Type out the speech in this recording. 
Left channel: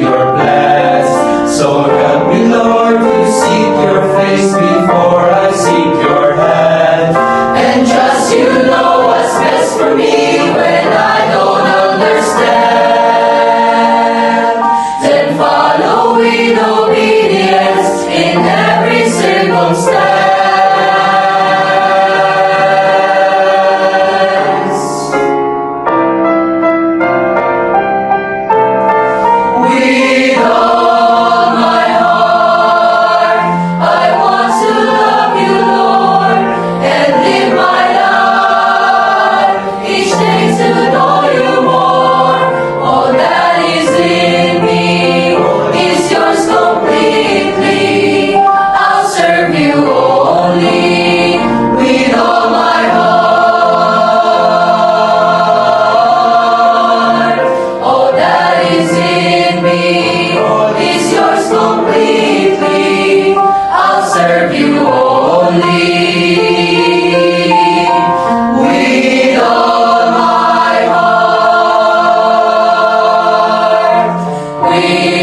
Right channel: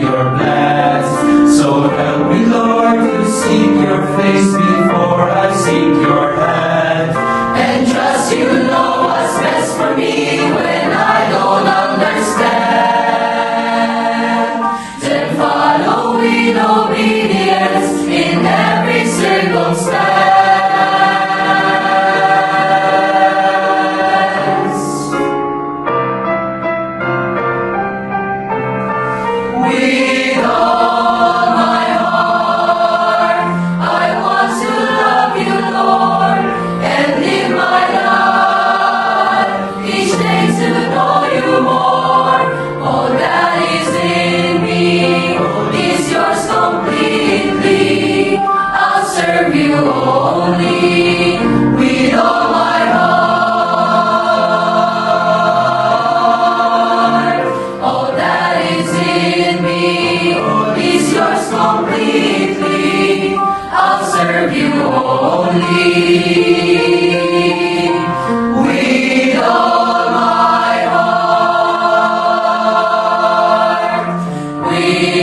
you're blessed. So help me, Lord, to seek your face before I seek your hand. And trust you know what's best for me when I don't understand. Then follow in obedience in every circumstance. With all my heart, I want to love you, Lord, and live my life each day to know you more. All that is in me is yours completely. I'll serve you only with all my heart. All that is in me is yours completely. I'll serve you only with all my heart. With